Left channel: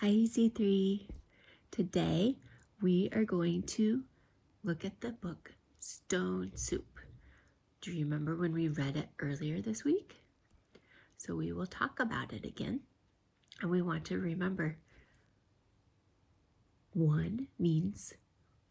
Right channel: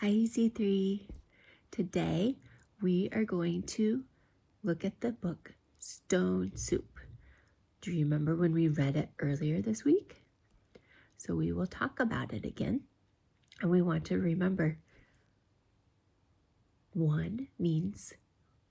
Hi, Z3. Today we are going to look at the book Stone Soup. Do you remember when we read it earlier this week? So we will talk about it again. And we want to remember one means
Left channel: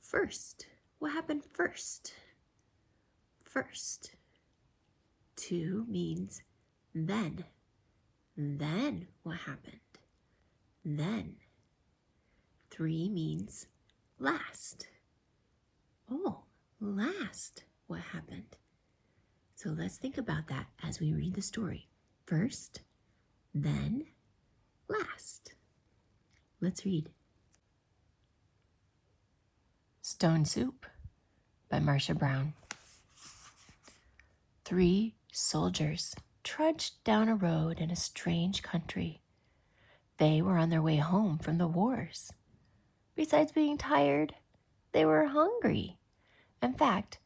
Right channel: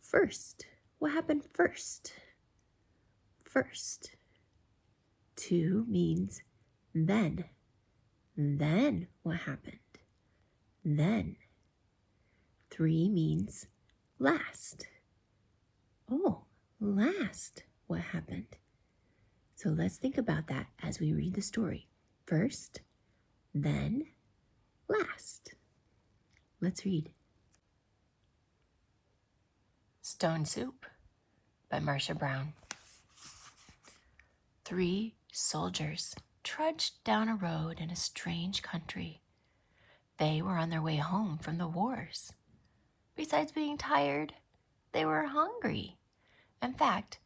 first. What happened first? First. Two means then. Then what happened? Then. Three means last. Oh, last. What happened? So let's think about that as we read the story. First, then, last. Let's read. Stone Soup by Marcia Brown. 3 soldiers trudged down a road in a strange country. They were on their way home from the wars. Besides being tired, they were hungry. In fact,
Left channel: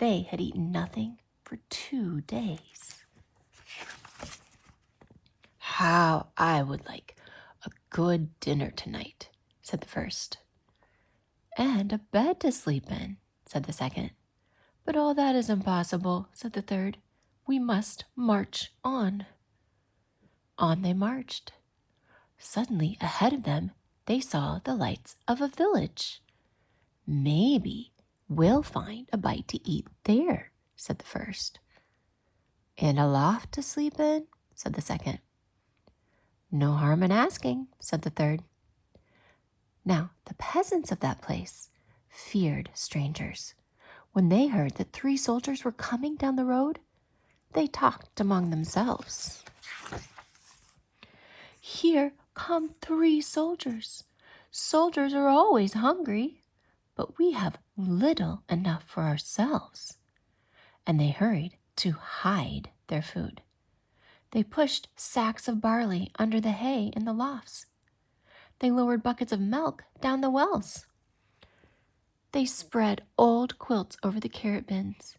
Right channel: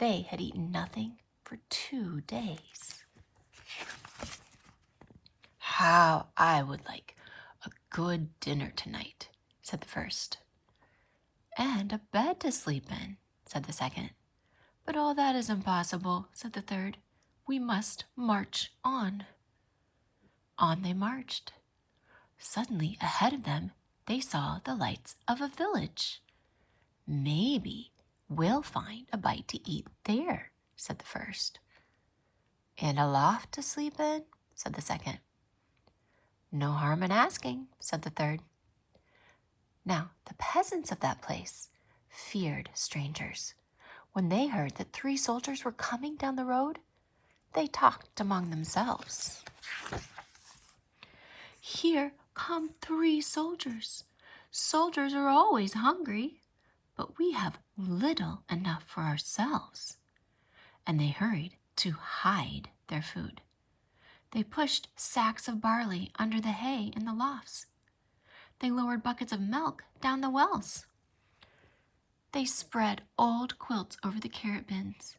they had eaten nothing for 2 days. How I would like a good dinner tonight, said the first. And a bed to sleep in, said the second. But all that is impossible, said the third. We must march on. On they marched. Suddenly, ahead of them, they saw the lights of a village. Maybe we'll find a bite to eat there, said the first. And a loft to sleep in, said the second. No harm in asking, said the third. Now, the peasants of that place feared strangers. When they heard that 3 soldiers were coming down the road, they talked among themselves. Here come 3 soldiers. Soldiers are always hungry, but we have little enough for ourselves. And they hurried to hide their food. They pushed sacks of barley under the hay in the lofts. They lowered buckets of milk down the wells. They spread old quilts over the carrot bins.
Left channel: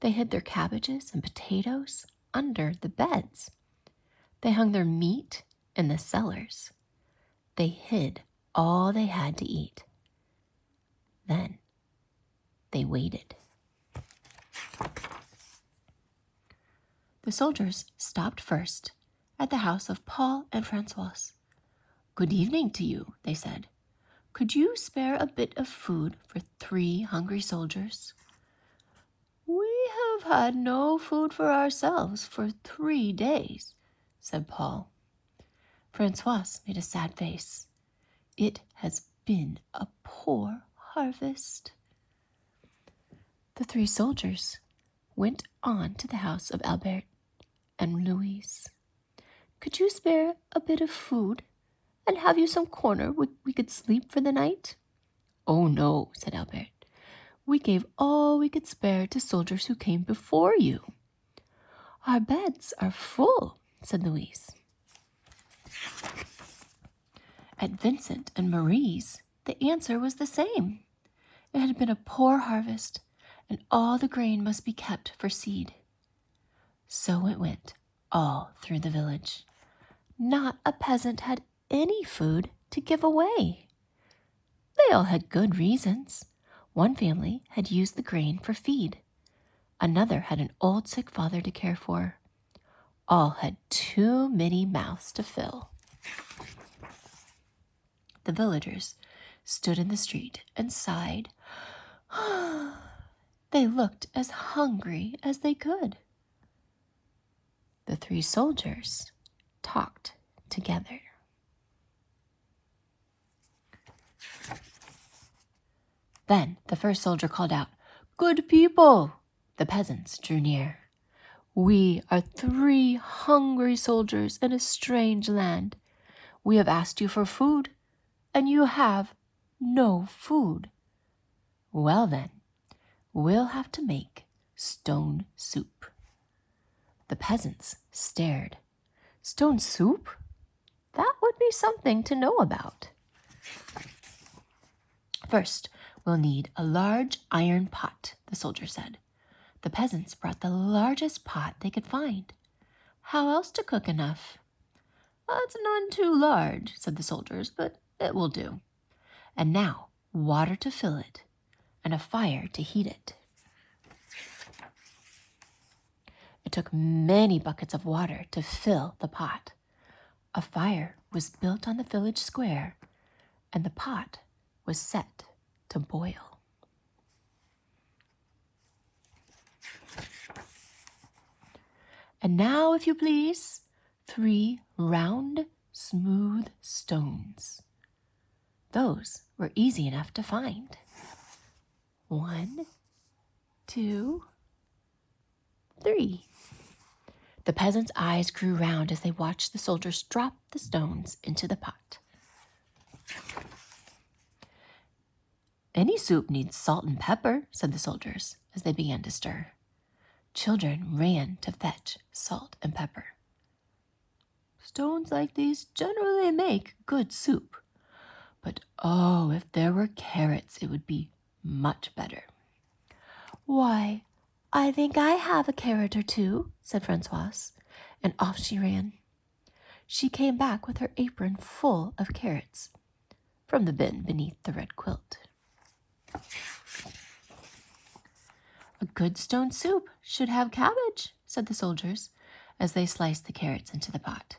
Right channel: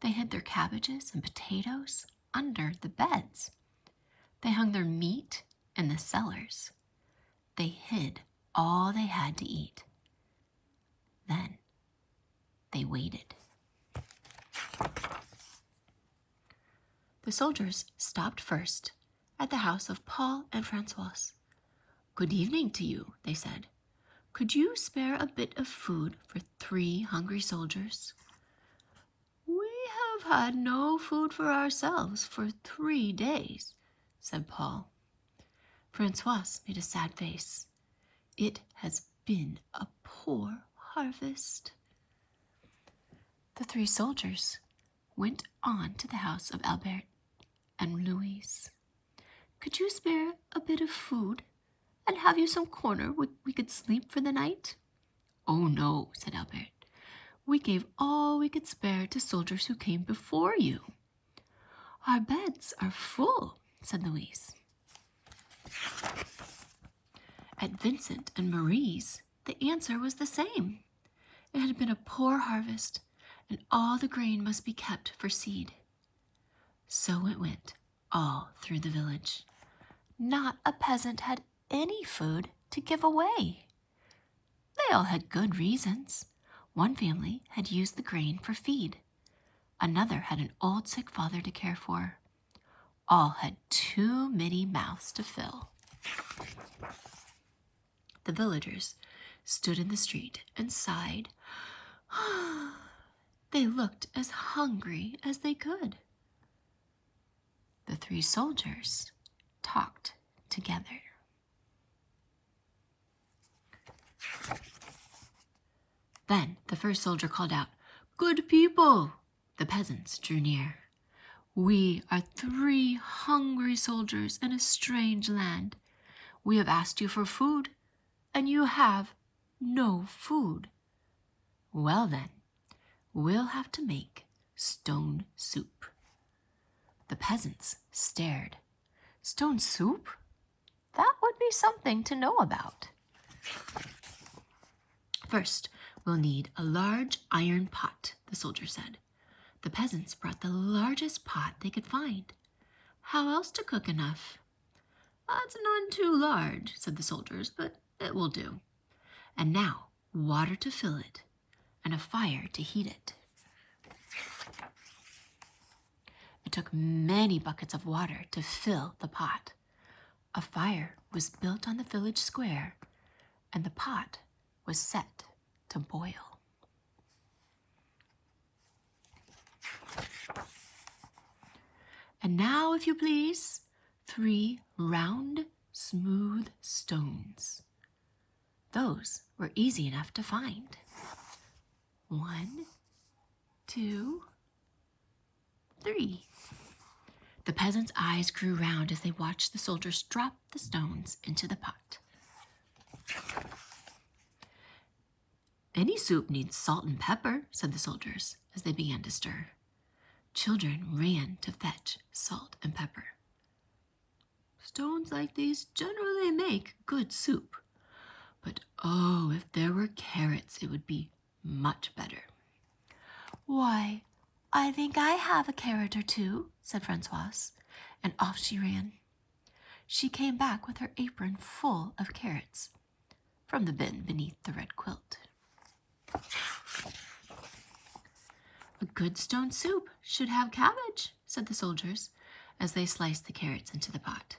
They hid their cabbages and potatoes under the beds. They hung their meat in the cellars. They hid all they had to eat. Then they waited. The soldiers stopped first at the house of Paul and Francois. Good evening to you, they said. Could you spare a bit of food for 3 hungry soldiers? We have had no food for ourselves for 3 days, said Paul. Francois made a sad face. It has been a poor harvest. The 3 soldiers went on to the house of Albert and Louise. Could you spare a bit of food and have you some corner where we could sleep for the night? Oh, no, said Albert. We gave all we could spare to soldiers who came before you. Our beds are full, said Louise. At Vincent and Marie's, the answer was the same. It had been a poor harvest, and all the grain must be kept for seed. So it went all through the village. Not a peasant had any food to give away. They all had good reasons. One family had used the grain for feed. Another had an old sick father to care for. All had too many mouths to fill. The villagers stood in the street and sighed. They looked as hungry as they could. The 3 soldiers talked together. Then the first soldier called out, Good people! The peasants drew near. We are 3 hungry soldiers in a strange land. We have asked you for food, and you have no food. Well then, we'll have to make stone soup. The peasants stared. Stone soup? That would be something to know about. First, we'll need a large iron pot, the soldier said. The peasants brought the largest pot they could find. How else to cook enough? That's none too large, said the soldiers, but it will do. And now, water to fill it, and a fire to heat it. It took many buckets of water to fill the pot. A fire was built on the village square, and the pot was set to boil. And now, if you please, 3 round, smooth stones. Those were easy enough to find. 1, 2, 3. The peasants' eyes grew round as they watched the soldiers drop the stones into the pot. Any soup needs salt and pepper, said the soldiers as they began to stir. Children ran to fetch salt and pepper. Stones like these generally make good soup. But oh, if there were carrots, it would be much better. Why, I think I have a carrot or two, said Francoise, and off she ran. She came back with her apron full of carrots from the bin beneath the red quilt. A good stone soup should have cabbage, said the soldiers as they sliced the carrots into the pot.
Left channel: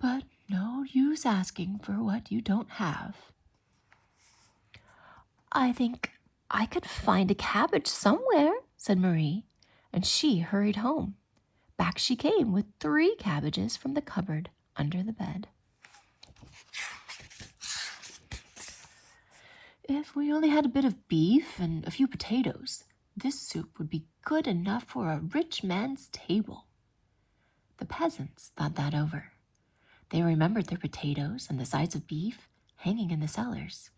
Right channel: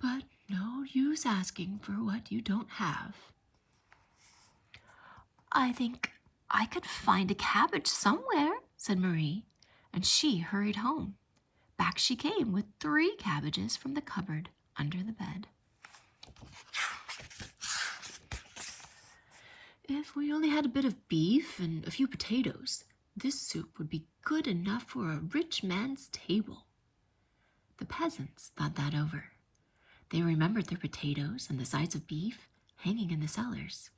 But no use asking for what you don't have. I think I could find a cabbage somewhere, said Marie, and she hurried home. Back she came with 3 cabbages from the cupboard under the bed. If we only had a bit of beef and a few potatoes, this soup would be good enough for a rich man's table. The peasants thought that over. They remembered their potatoes and the sides of beef hanging in the cellars.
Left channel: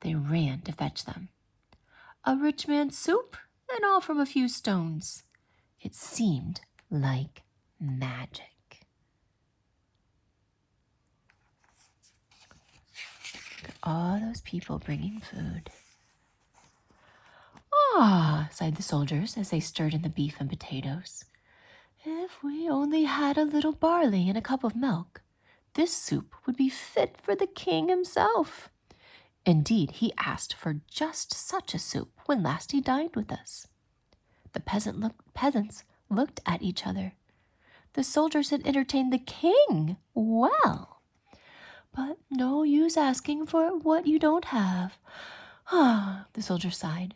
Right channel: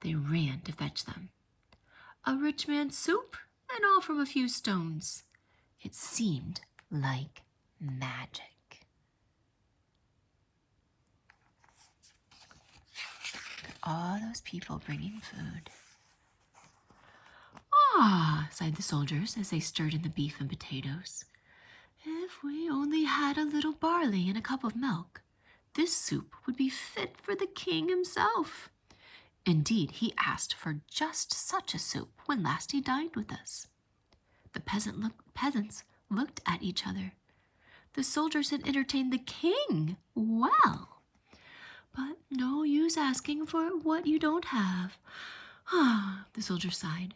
They ran to fetch them. A rich man's soup, and all from a few stones. It seemed like magic. All those people bringing food. Ah, sighed the soldiers as they stirred in the beef and potatoes. If we only had a little barley and a cup of milk, this soup would be fit for the king himself. Indeed, he asked for just such a soup when last he dined with us. The peasants looked at each other. The soldiers had entertained the king well. But no use asking for what you don't have. Ah, the soldier sighed.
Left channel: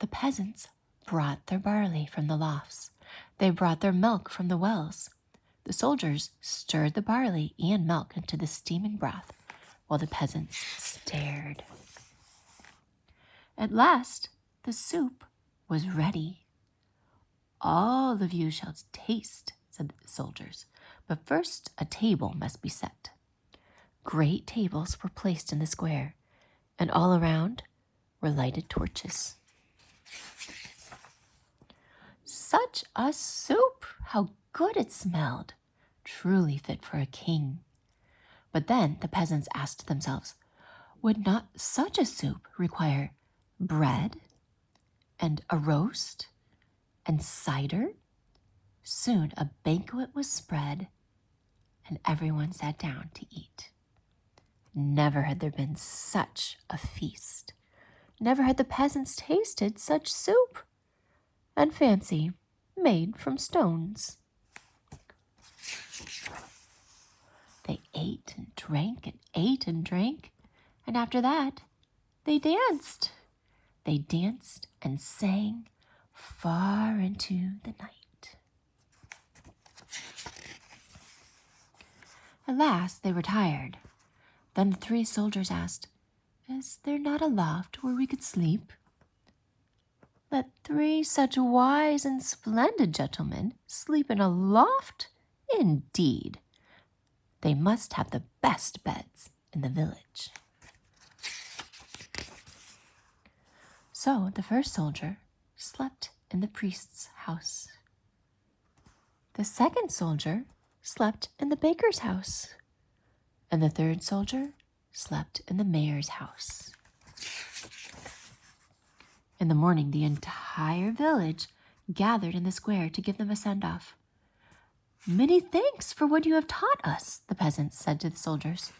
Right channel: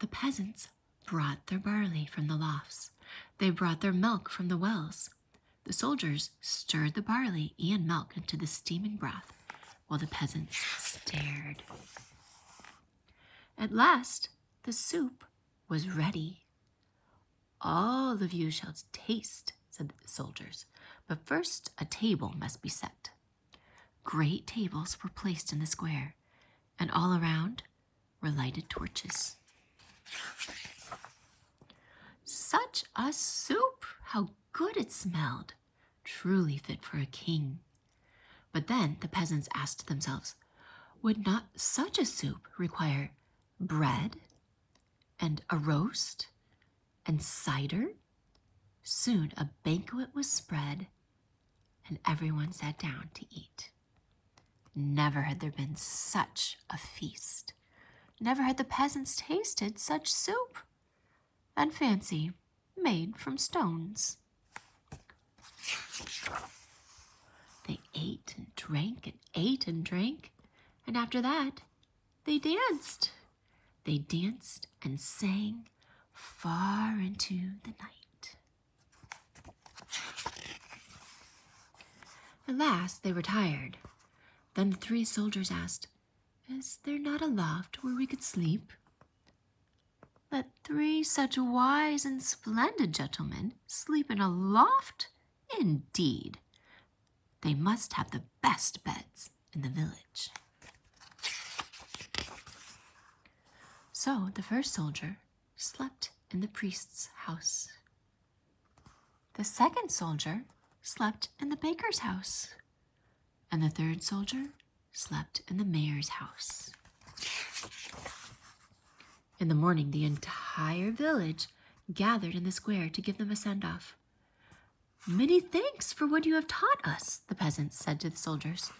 The peasants brought their barley from the lofts. They brought their milk from the wells. The soldiers stirred the barley and milk into the steaming broth, while the peasants stared. At last, the soup was ready. All of you shall taste, said the soldiers, but first a table must be set. Great tables were placed in the square, and all around were lighted torches. Such a soup! How good it smelled! Truly fit for a king. But then the peasants asked themselves, would not such a soup require bread and a roast and cider? Soon a banquet was spread, and everyone sat down to eat. Never had there been such a feast. Never had the peasants tasted such soup. And fancy, made from stones. They ate and drank and ate and drank, and after that, they danced. They danced and sang far into the night. At last, they were tired. Then the 3 soldiers asked, is there not a loft where we could sleep? Let 3 such wise and splendid gentlemen sleep in a loft? Indeed, they must have the best beds in the village. So the first soldier slept in the priest's house. The second soldier slept in the baker's house. And the third soldier slept in the mayor's house. In the morning, the entire village gathered in the square to give them a send-off. Many thanks for what you have taught us, the peasants said to the soldiers.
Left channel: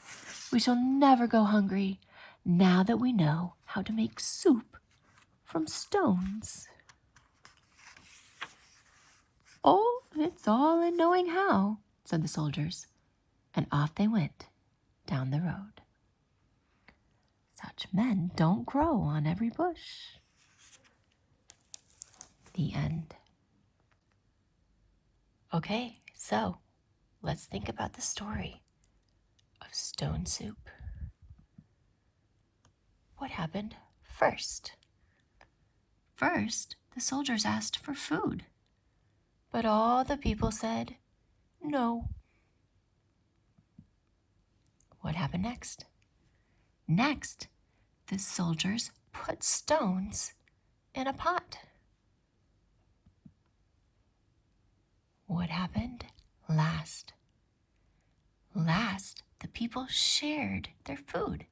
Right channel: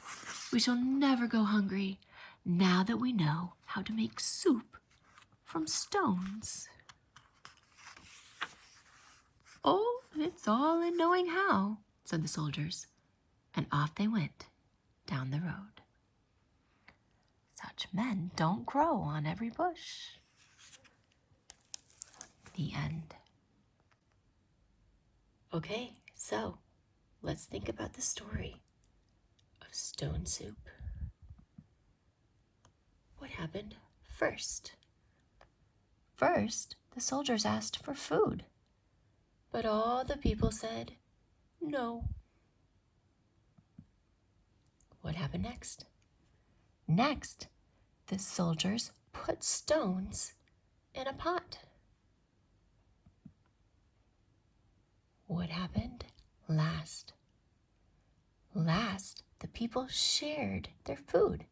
We shall never go hungry now that we know how to make soup from stones. Oh, it's all in knowing how, said the soldiers, and off they went down the road. Such men don't grow on every bush. The end. Okay, so let's think about the story of stone soup. What happened first? First, the soldiers asked for food, but all the people said no. What happened next? Next, the soldiers put stones in a pot. What happened last? Last, the people shared their food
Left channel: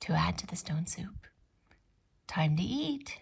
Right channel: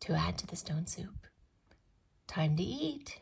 to add to the stone soup. Time to eat.